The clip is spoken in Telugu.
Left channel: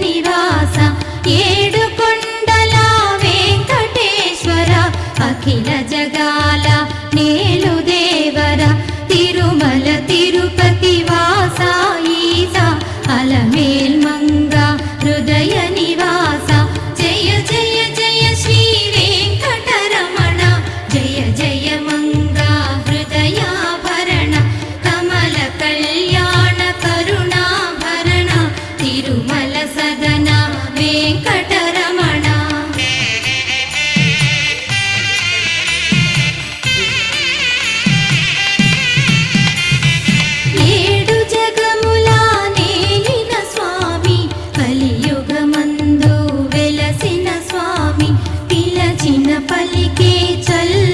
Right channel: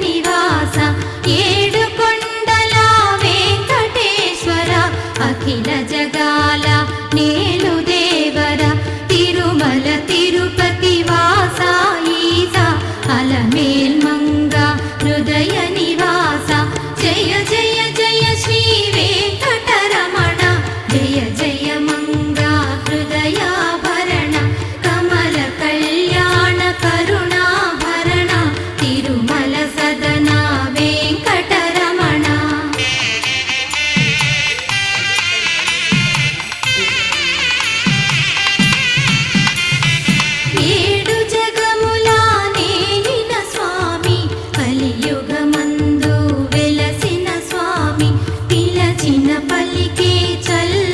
నివాస ఏడు కొండల వెంకటేశ్వర అఖిల జగాల నేలు దేవర తిరుమల తిరుపతి వాస ఈస అలమేల్ మంగ హృదయ నివాస జయ జయ జయ శ్రీ వెంకటరమణ జయ జయ మంగ హృదయాభరణ కమల కళ్యాణ కరుణాభరణ తిరుమల సదన వెంకటరమణ ఏడు జగముల నేలిన స్వామి కలియుగమందు వెలసిన స్వామి పిలచిన పలికే చల్ల